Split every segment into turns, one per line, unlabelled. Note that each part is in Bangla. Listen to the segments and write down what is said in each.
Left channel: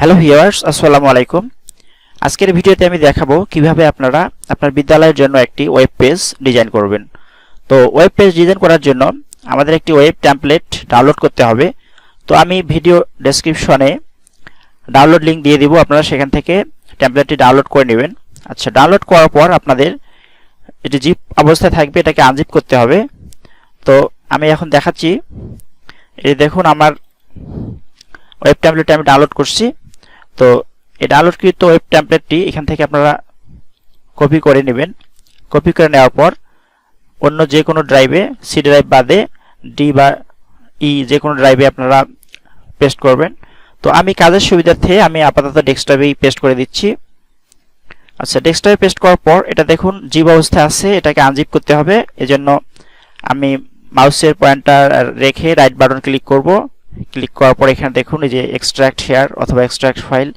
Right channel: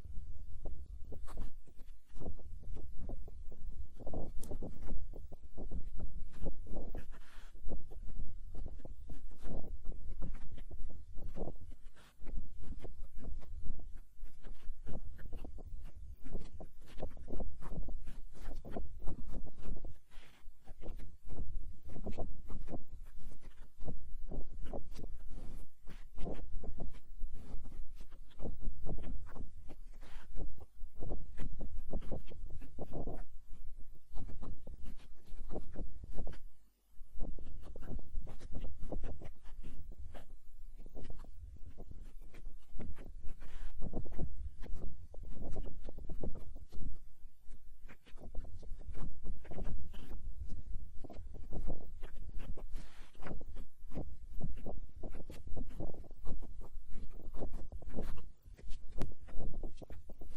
হ্যালো ভিউয়ার্স আসসালামু আলাইকুম আজকের ভিডিওতে আমি দেখাবো কীভাবে আপনারা আপনার বিদ্যালয়ের জন্য একটি ওয়েব পেজ ডিজাইন করবেন। তো ওয়েব পেজ ডিজাইন করার জন্য আমাদের একটি ওয়েব টেমপ্লেট ডাউনলোড করতে হবে। তো আমি ভিডিও ডেসক্রিপশনে ডাউনলোড লিংক দিয়ে দিব। আপনারা সেখান থেকে টেমপ্লেটটি ডাউনলোড করে নেবেন। আচ্ছা ডাউনলোড করার পর আপনাদের এটি জিপ অবস্থায় থাকবে, এটাকে আনজিপ করতে হবে। তো আমি এখন দেখাচ্ছি। এই দেখুন, আমার ওয়েব ট্যাম্পলেট আমি ডাউনলোড করছি। তো এই ডাউনলোডকৃত ওয়েব ট্যাম্পলেটটি এখান থেকে আপনারা কপি করে নেবেন। কপি করে নেওয়ার পর অন্য যে কোনো ড্রাইভে সি ড্রাইভ বাদে ডি বা ই যে কোনো ড্রাইভে আপনারা পেস্ট করবেন। তো আমি কাজের সুবিধার্থে আমি আপাতত ডেস্কটপেই পেস্ট করে দিচ্ছি। আচ্ছা ডেস্কটপে পেস্ট করার পর এটা দেখুন জিপ অবস্থায় আছে, এটাকে আনজিপ করতে হবে। এজন্য আমি মাউসের পয়েন্টার রেখে রাইট বাটন ক্লিক করব। ক্লিক করার পর এখানে দেখুন এই যে এক্সট্রাক্ট হেয়ার অথবা এক্সট্রাক্ট ফাইল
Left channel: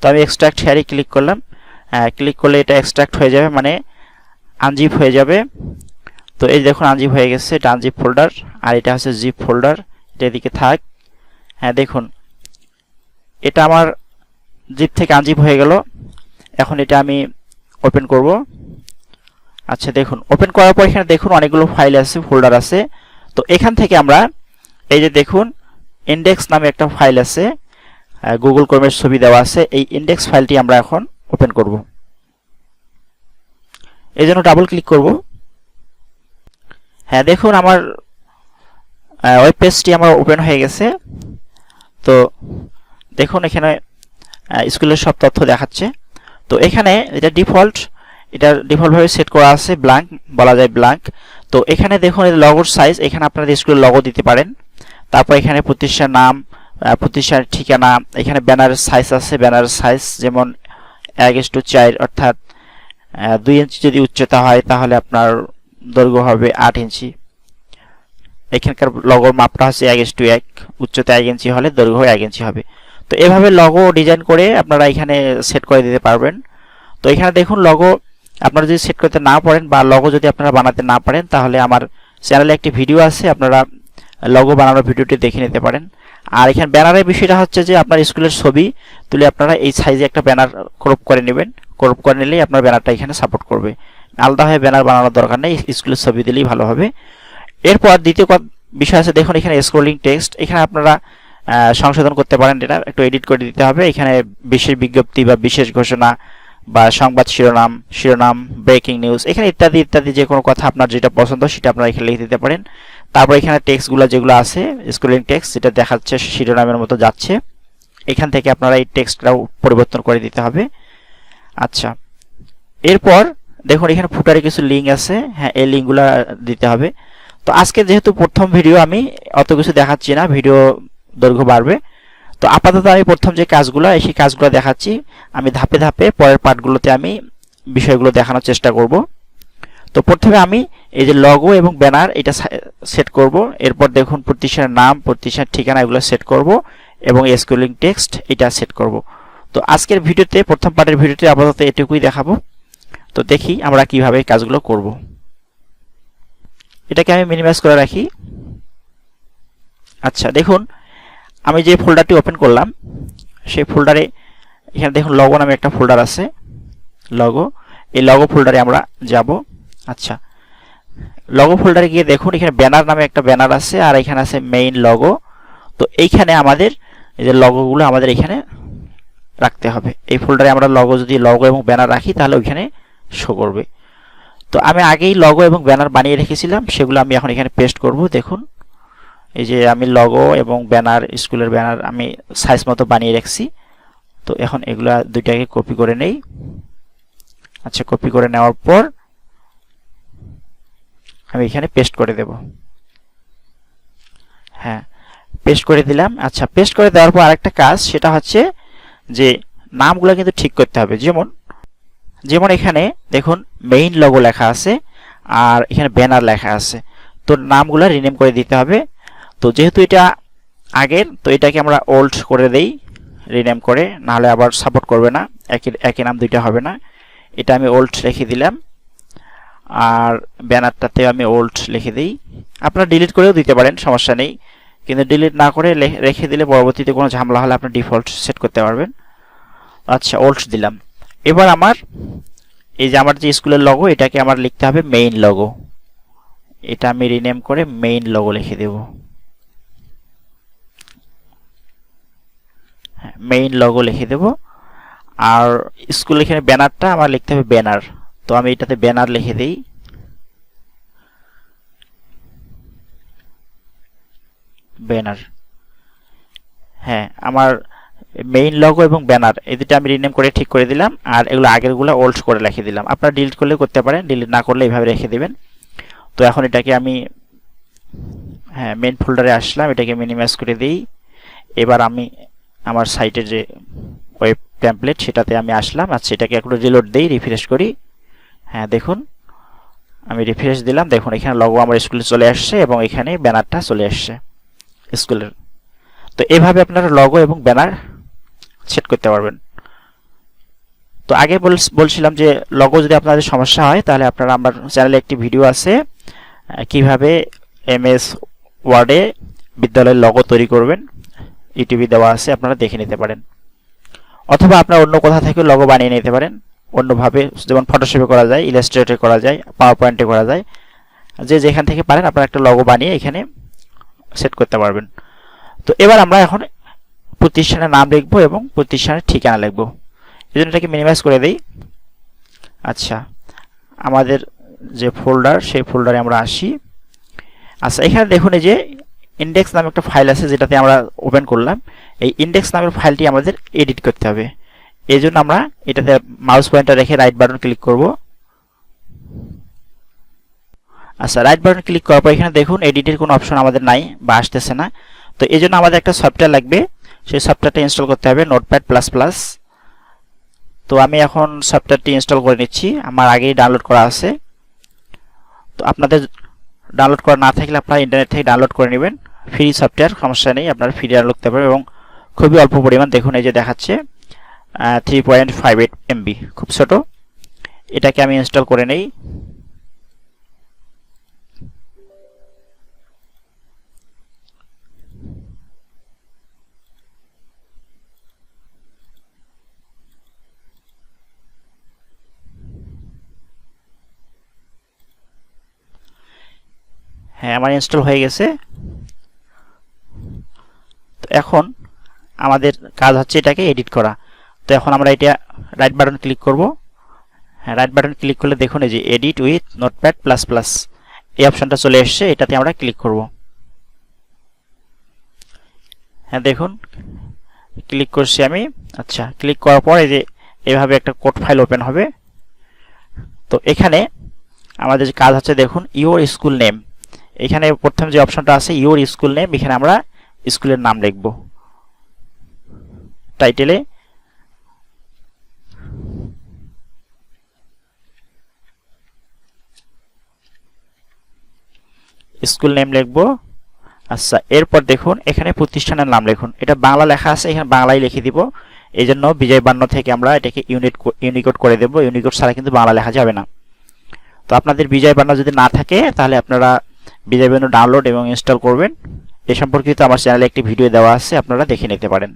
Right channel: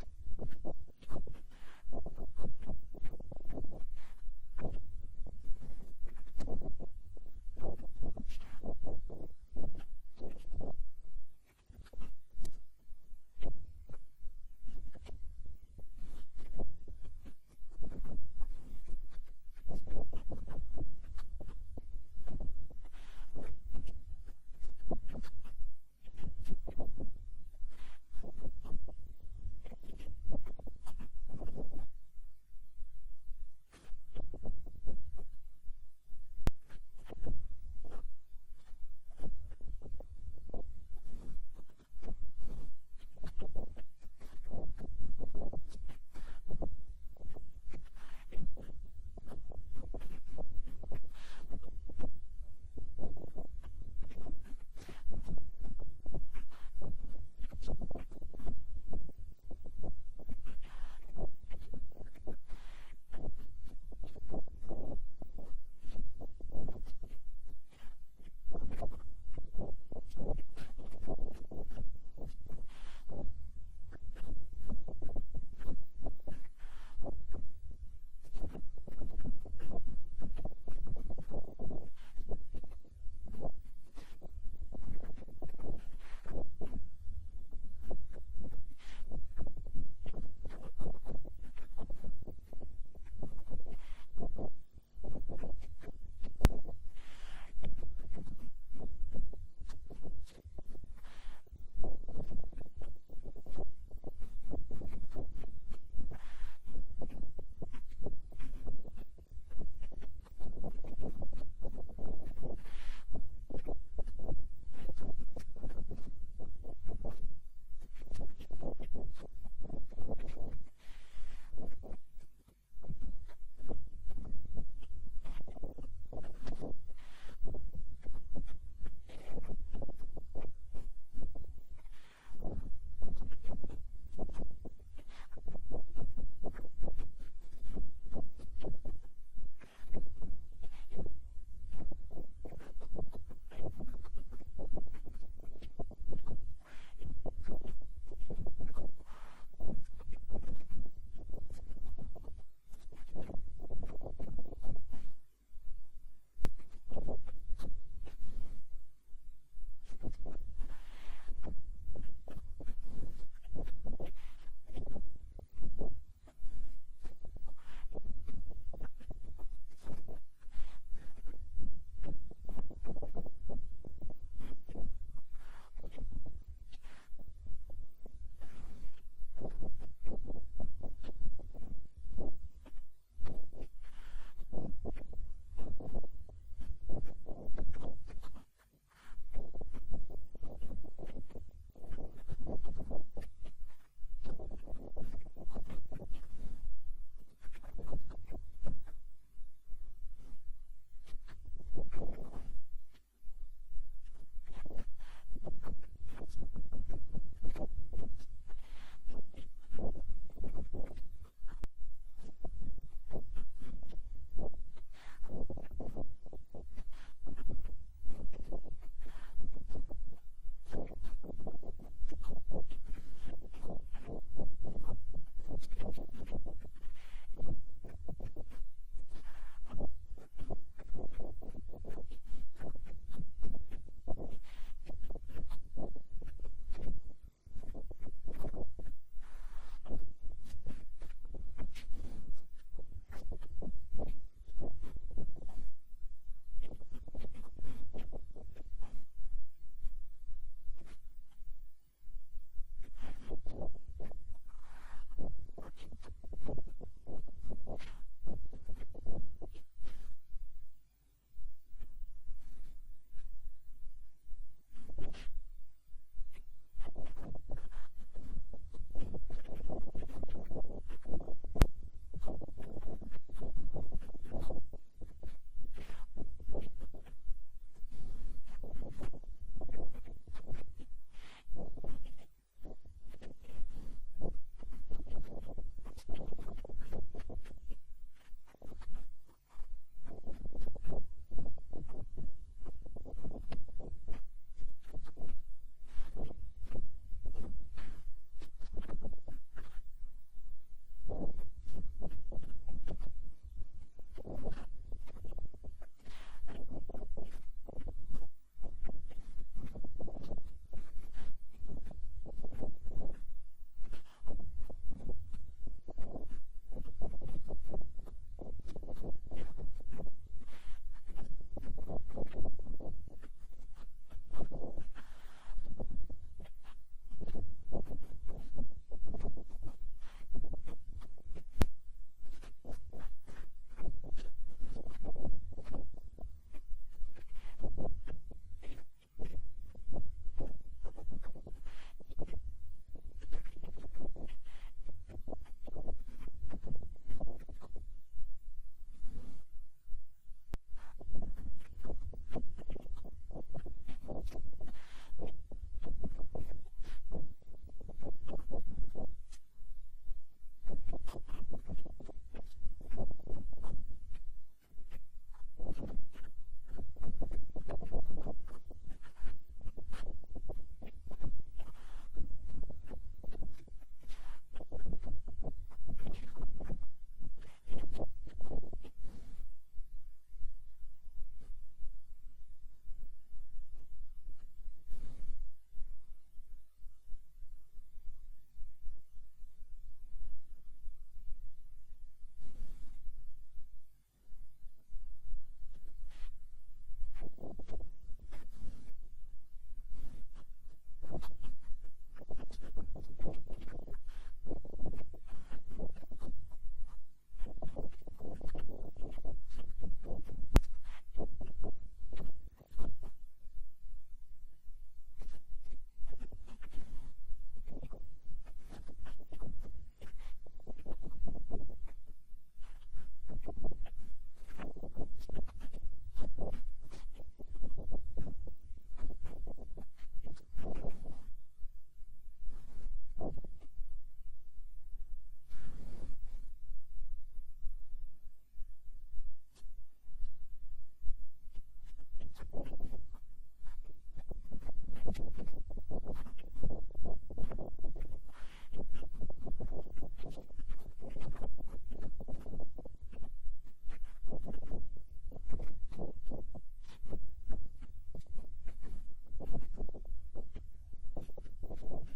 তো আমি এক্সট্রাক্ট হেয়ারে ক্লিক করলাম। ক্লিক করলে এটা এক্সট্রাক্ট হয়ে যাবে মানে আনজিপ হয়ে যাবে। তো এই দেখুন আনজিপ হয়ে গেছে, এটা আনজিপ ফোল্ডার আর এটা হচ্ছে জিপ ফোল্ডার এটা এদিকে থাক। হ্যাঁ দেখুন। এটা আমার জিপ থেকে আনজিপ হয়ে গেল। এখন এটা আমি ওপেন করব। আচ্ছা দেখুন। ওপেন করার পর এখানে দেখুন অনেকগুলো ফাইল আছে ফোল্ডার আছে। তো এখান থেকে আমরা এই যে দেখুন ইন্ডেক্স নামে একটা ফাইল আছে গুগল ক্রোমের ছবি দেওয়া আছে, এই ইন্ডেক্স ফাইলটি আমরা এখন ওপেন করব। এই জন্য ডাবল ক্লিক করব। হ্যাঁ দেখুন আমার ওয়েব পেজটি আমার ওপেন হয়ে গেছে। তো দেখুন এখানে স্কুলের সব তথ্য দেখাচ্ছে। তো এখানে এটা ডিফল্ট এটা ডিফল্টভাবে সেট করা আছে ব্ল্যাঙ্ক বলা যায় ব্ল্যাঙ্ক তো এখানে দেখুন লগোর সাইজ এখানে আপনারা স্কুলের লগো দিতে পারেন। তারপর এখানে প্রতিষ্ঠার নাম প্রতিষ্ঠানের ঠিকানা, এখানে ব্যানারের সাইজ আছে ব্যানারের সাইজ যেমন এক ইস টু চার, অর্থাৎ দুই ইঞ্চি যদি উচ্চতা হয় তাহলে আপনার দৈর্ঘ্য হবে আট ইঞ্চি এখানকার লগোর মাপটা হচ্ছে এক ইস টু এক, উচ্চতা এক ইঞ্চি হলে দৈর্ঘ্য এক ইঞ্চি হবে। তো এভাবে লগো ডিজাইন করে আপনারা এখানে সেট করে দিতে পারবেন। তো এখানে দেখুন লগো আপনারা যদি সেট করতে না পারেন বা লগো যদি আপনারা বানাতে না পারেন তাহলে আমার চ্যানেলে একটি ভিডিও আছে, আপনারা লগো বানানোর ভিডিওটি দেখে নিতে পারেন। আর এখানে ব্যানারের বিষয়টা হচ্ছে যে আপনার স্কুলের ছবি তুলে আপনারা এই সাইজে একটা ব্যানার ক্রপ করে নেবেন। ক্রপ করে নিলেই আপনার ব্যানারটা এখানে সাপোর্ট করবে। আলাদাভাবে ব্যানার বানানোর দরকার নেই, স্কুলের ছবি দিলেই ভালো হবে। এরপর দ্বিতীয় বিষয় আছে, দেখুন এখানে স্ক্রোলিং টেক্সট এখানে আপনারা সংশোধন করতে পারেন এটা, একটু এডিট করে দিতে হবে। এখানে বিশেষ বিজ্ঞপ্তি বা বিশেষ ঘোষণা বা সংবাদ শিরোনাম শিরোনাম ব্রেকিং নিউজ এখানে ইত্যাদি ইত্যাদি যে কোনো কথা আপনার যেটা পছন্দ সেটা আপনারা এখানে লিখে দিতে পারেন। তারপর এখানে টেক্সটগুলো যেগুলো আছে স্ক্রলিং টেক্সট যেটা দেখাচ্ছে শিরোনামের মতো যাচ্ছে, এখান থেকে আপনারা এই টেক্সটটাও পরিবর্তন করে দিতে হবে। আচ্ছা এরপর দেখুন এখানে ফুটারে কিছু লিঙ্ক আছে হ্যাঁ এই লিঙ্কগুলো দিতে হবে। তো আজকে যেহেতু প্রথম ভিডিও আমি অত কিছু দেখাচ্ছি না ভিডিও দৈর্ঘ্য বাড়বে। তো আপাতত আমি প্রথম যে কাজগুলো, সেই কাজগুলো দেখাচ্ছি। আমি ধাপে ধাপে পরের পার্টগুলোতে আমি বিষয়গুলো দেখানোর চেষ্টা করব। তো প্রথমে আমি এই যে লগো এবং ব্যানার এটা সেট করব। এরপর দেখুন প্রতিষ্ঠানের নাম, প্রতিষ্ঠানের ঠিকানা এগুলো সেট করব এবং স্কুলিং টেক্সট এটা সেট করব। তো আজকের ভিডিওতে, প্রথম পার্টের ভিডিওতে আপাতত এটুকুই দেখাবো। তো দেখি আমরা কীভাবে কাজগুলো করব। এটাকে আমি মিনিমাইজ করে রাখি। আচ্ছা দেখুন, আমি যে ফোল্ডারটি ওপেন করলাম, সেই ফোল্ডারে এখানে দেখুন লগো নামে একটা ফোল্ডার আছে। লগো এই লগো ফোল্ডারে আমরা যাব। আচ্ছা। লগো ফোল্ডারে গিয়ে দেখুন, এখানে ব্যানার নামে একটা ব্যানার আছে আর এখানে আছে মেইন লগো তো এইখানে আমাদের এই যে লগোগুলো আমাদের এখানে রাখতে হবে। এই ফোল্ডারে আমরা লগো যদি লগো এবং ব্যানার রাখি, তাহলে ওইখানে শো করবে। তো আমি আগেই লগো এবং ব্যানার বানিয়ে রেখেছিলাম, সেগুলো আমি এখন এখানে পেস্ট করব। দেখুন, এই যে আমি লগো এবং ব্যানার স্কুলের ব্যানার আমি সাইজ মতো বানিয়ে রাখছি। তো এখন এগুলা দুইটাকে কপি করে নেই। আচ্ছা কপি করে নেওয়ার পর আমি এখানে পেস্ট করে দেব। হ্যাঁ পেস্ট করে দিলাম। আচ্ছা পেস্ট করে দেওয়ার পর আরেকটা কাজ, সেটা হচ্ছে যে নামগুলো কিন্তু ঠিক করতে হবে। যেমন যেমন এখানে দেখুন মেইন লগো লেখা আছে আর এখানে ব্যানার লেখা আছে। তো নামগুলো রিনেম করে দিতে হবে। তো যেহেতু এটা আগের, তো এটাকে আমরা ওল্ড করে দেই রিনেম করে। নাহলে আবার সাপোর্ট করবে না। একই একই নাম দুইটা হবে না। এটা আমি ওল্ড রেখে দিলাম। আর ব্যানারটাতে আমি ওল্ড লিখে দিই। আপনারা ডিলিট করেও দিতে পারেন, সমস্যা নেই। কিন্তু ডিলিট না করে রেখে দিলে পরবর্তীতে কোনো ঝামেলা হলে আপনি ডিফল্ট সেট করতে পারবেন। আচ্ছা ওল্ড দিলাম। এবার আমার এই যে আমার যে স্কুলের লগো এটাকে আমার লিখতে হবে মেইন লগো এটা আমি রিনেম করে মেইন লগো লিখে দেব। মেইন লগো লিখে দেব। আর স্কুল এখানে ব্যানারটা আমার লিখতে হবে ব্যানার তো আমি এটাতে ব্যানার লিখে দিই। ব্যানার হ্যাঁ আমার মেইন লগো এবং ব্যানার এই দুটো আমি রিনেম করে ঠিক করে দিলাম, আর এগুলো আগেরগুলো ওল্ড করে রেখে দিলাম। আপনারা ডিলিট করলে করতে পারেন ডিলিট না করলে এইভাবে রেখে দিবেন। তো এখন এটাকে আমি হ্যাঁ মেইন ফোল্ডারে আসলাম, এটাকে মিনিমাইজ করে দিই। এবার আমি আমার সাইটের যে ওয়েব টেমপ্লেট সেটাতে আমি আসলাম আচ্ছা এটাকে একটু রিলোড দিই রিফ্রেশ করি। হ্যাঁ দেখুন। আমি রিফ্রেশ দিলাম। দেখুন, এখানে লগো আমার স্কুলে চলে আসছে এবং এখানে ব্যানারটা চলে আসছে স্কুলের তো এভাবে আপনারা লগো এবং ব্যানার সেট করতে পারবেন। তো আগে বলছিলাম যে লগো যদি আপনাদের সমস্যা হয়, তাহলে আপনারা আমার চ্যানেলে একটি ভিডিও আছে কীভাবে এমএস ওয়ার্ডে বিদ্যালয়ের লগো তৈরি করবেন। ইউটিউবে দেওয়া আছে, আপনারা দেখে নিতে পারেন। অথবা আপনার অন্য কোথা থেকে লগো বানিয়ে নিতে পারেন। অন্যভাবে যেমন ফটোশপে করা যায় ইলাস্ট্রেটে করা যায় পাওয়ার পয়েন্টে করা যায়। যে যেখান থেকে পারেন আপনারা একটা লগো বানিয়ে এখানে সেট করতে পারবেন। তো এবার আমরা এখন প্রতিষ্ঠানের নাম লিখব এবং প্রতিষ্ঠানের ঠিকানা লিখব। এই জন্য এটাকে মিনিমাইজ করে দিই। আচ্ছা আমাদের যে ফোল্ডার সেই ফোল্ডারে আমরা আসি। আচ্ছা এখানে দেখুন এই যে ইন্ডেক্স নামে একটা ফাইল আছে যেটাতে আমরা ওপেন করলাম। এই ইন্ডেক্স নামের ফাইলটি আমাদের এডিট করতে হবে। এই জন্য আমরা এটাতে মাউস পয়েন্টার রেখে রাইট বাটন ক্লিক করব। আচ্ছা রাইট বাটন ক্লিক করার পর এখানে দেখুন এডিটের কোনো অপশন আমাদের নাই বা আসতেছে না। তো এই জন্য আমাদের একটা সফটওয়্যার লাগবে, সেই সফটওয়্যারটা ইনস্টল করতে হবে নোটপ্যাড প্লাস প্লাস তো আমি এখন সফটওয়্যারটি ইনস্টল করে নিচ্ছি, আমার আগেই ডাউনলোড করা আছে। তো আপনাদের ডাউনলোড করা না থাকলে আপনারা ইন্টারনেট থেকে ডাউনলোড করে নেবেন। ফ্রি সফটওয়্যার সমস্যা নেই, আপনারা ফ্রি ডাউনলোড করতে পারবেন এবং খুবই অল্প পরিমাণ দেখুন, এই যে দেখাচ্ছে। Three point five eight MB খুব ছোট। এটাকে আমি ইনস্টল করে নেই। হ্যাঁ আমার ইনস্টল হয়ে গেছে। তো এখন আমাদের কাজ হচ্ছে এটাকে এডিট করা। তো এখন আমরা এটা রাইট বাটন ক্লিক করব। হ্যাঁ রাইট বাটন ক্লিক করলে দেখুন এই যে edit with notepad plus plus এই অপশনটা চলে এসছে, এটাতে আমরা ক্লিক করব। হ্যাঁ দেখুন ক্লিক করছি আমি। আচ্ছা ক্লিক করার পর এই যে এভাবে একটা কোড ফাইল ওপেন হবে। তো এখানে আমাদের যে কাজ হচ্ছে, দেখুন ইউর স্কুল নেম এখানে প্রথম যে অপশনটা আছে ইউর স্কুল নেম এখানে আমরা স্কুলের নাম লিখব। টাইটেলে স্কুল নেম লিখব। আচ্ছা এরপর দেখুন, এখানে প্রতিষ্ঠানের নাম লিখুন। এটা বাংলা লেখা আছে, এখানে বাংলায় লিখে দিব। এই জন্য বিজয় বান্ন থেকে আমরা এটাকে ইউনিট ইউনিকোড করে দেব। ইউনিকোড ছাড়া কিন্তু বাংলা লেখা যাবে না। তো আপনাদের বিজয় বান্ন যদি না থাকে, তাহলে আপনারা বিজয় বান্ন ডাউনলোড এবং ইনস্টল করবেন। এ সম্পর্কিত আমার চ্যানেলে একটি ভিডিও দেওয়া আছে, আপনারা দেখে নিতে পারেন।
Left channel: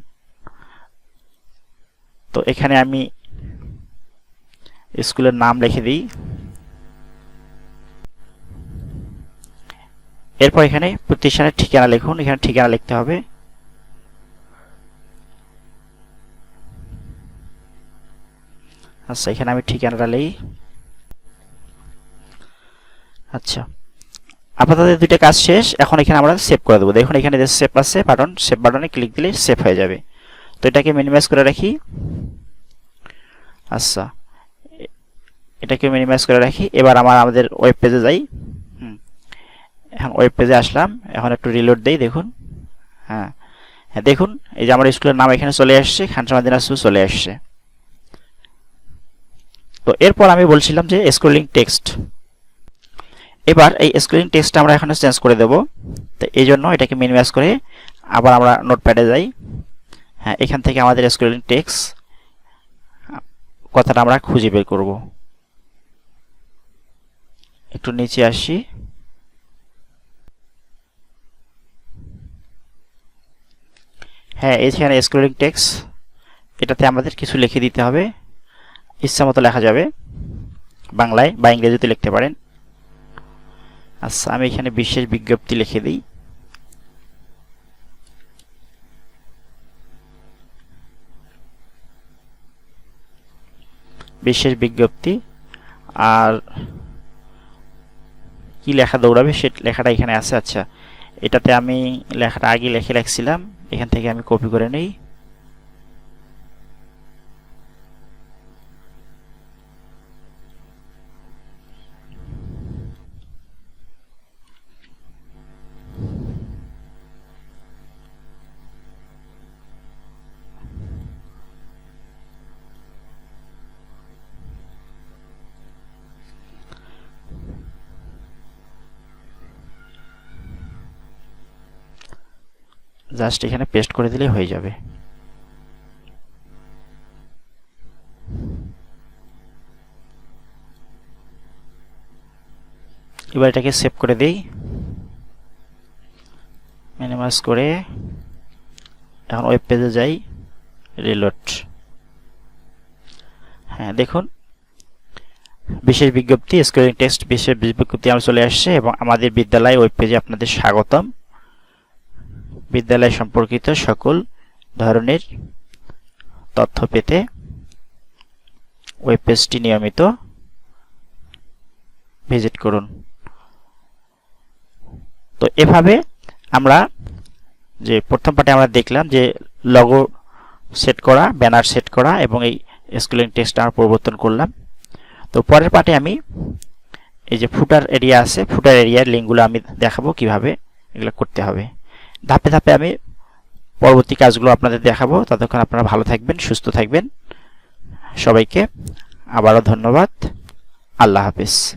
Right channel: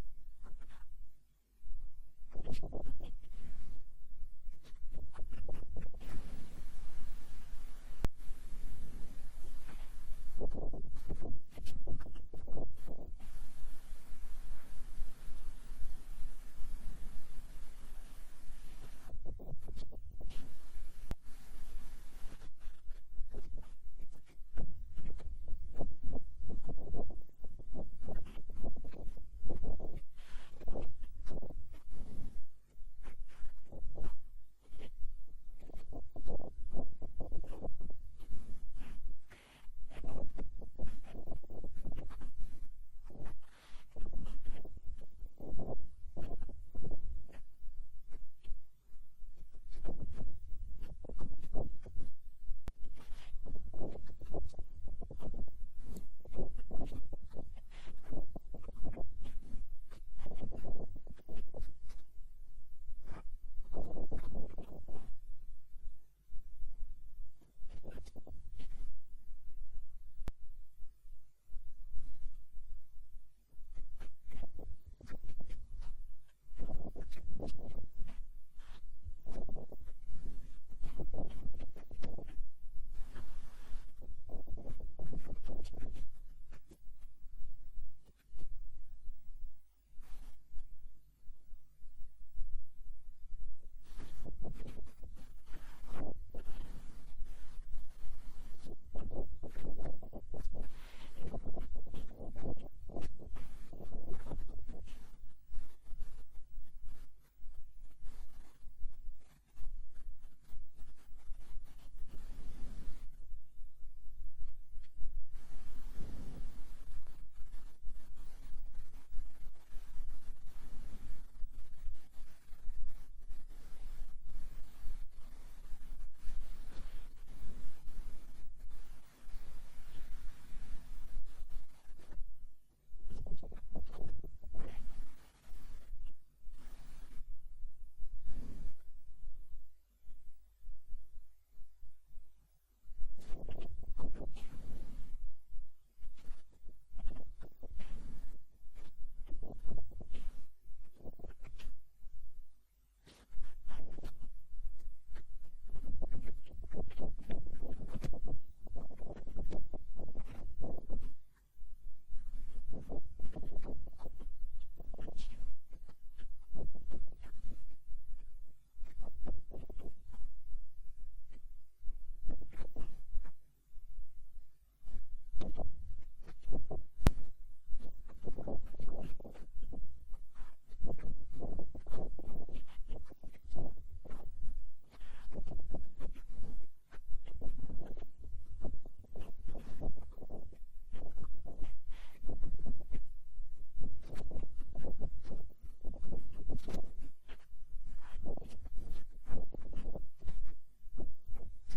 তো এখানে আমি স্কুলের নাম লিখে দিই। এরপর এখানে প্রতিষ্ঠানের ঠিকানা লিখুন। এখানে ঠিকানা লিখতে হবে। আচ্ছা এখানে আমি ঠিকানাটা লিই। আচ্ছা আপাতত দুইটা কাজ শেষ। এখন এখানে আমরা সেভ করে দেবো। দেখুন, এখানে যে সেভ আছে বাটন সেভ বাটনে ক্লিক দিলে সেভ হয়ে যাবে। তো এটাকে মিনিমাইজ করে রাখি। আচ্ছা এটাকে মিনিমাইজ করে রাখি। এবার আমার, আমাদের ওয়েব পেজে যাই। এখন ওয়েব পেজে আসলাম। এখন একটু রিলোড দেই, দেখুন। হ্যাঁ হ্যাঁ দেখুন, এই যে আমার স্কুলের নাম এখানে চলে আসছে, খানসামা দিনাজপুর চলে আসছে। তো এরপর আমি বলছিলাম যে স্ক্রলিং টেক্সট এবার এই স্ক্রিন টেক্সটটা আমরা এখানে চেঞ্জ করে দেব। তো এই জন্য এটাকে মিনিমাইজ করে আবার আমরা নোটপ্যাডে যাই। হ্যাঁ এখান থেকে আমাদের স্ক্রিন টেক্স কথাটা আমরা খুঁজে বের করব। একটু নিচে আসি। হ্যাঁ এখানে স্ক্রলিং টেক্স এটাতে আমাদের কিছু লিখে দিতে হবে। ইচ্ছা মতো লেখা যাবে। বাংলায় বা ইংরেজিতে লিখতে পারেন। আচ্ছা আমি এখানে বিশেষ বিজ্ঞপ্তি লিখে দিই। বিশেষ বিজ্ঞপ্তি। আর কি লেখা দৌড়াবে সে লেখাটা এখানে আছে। আচ্ছা এটাতে আমি লেখাটা আগে লিখে রাখছিলাম এখান থেকে আমি কপি করে নেই। জাস্ট এখানে পেস্ট করে দিলেই হয়ে যাবে। এবার এটাকে সেভ করে দেই। মিনিমাইজ করে এখন ওয়েব পেজে যাই রিলোড হ্যাঁ দেখুন, বিশেষ বিজ্ঞপ্তি স্ক্রিনিং টেক্সট বিশেষ বিজ্ঞপ্তি আমার চলে আসছে এবং আমাদের বিদ্যালয় ওয়েব পেজে আপনাদের স্বাগতম। বিদ্যালয় সম্পর্কিত সকল ধরনের তথ্য পেতে ওয়েব পেজটি নিয়মিত ভিজিট করুন। তো এভাবে আমরা যে প্রথম পার্টে আমরা দেখলাম যে লগো সেট করা ব্যানার সেট করা এবং এই স্কুলিং টেক্সট আমরা পরিবর্তন করলাম। তো পরের পার্টে আমি এই যে ফুটার এরিয়া আছে ফুটার এরিয়ার লিঙ্কগুলো আমি দেখাবো কীভাবে এগুলো করতে হবে। ধাপে ধাপে আমি পরবর্তী কাজগুলো আপনাদের দেখাবো। ততক্ষণ আপনারা ভালো থাকবেন, সুস্থ থাকবেন। সবাইকে আবারও ধন্যবাদ। আল্লাহ হাফিজ।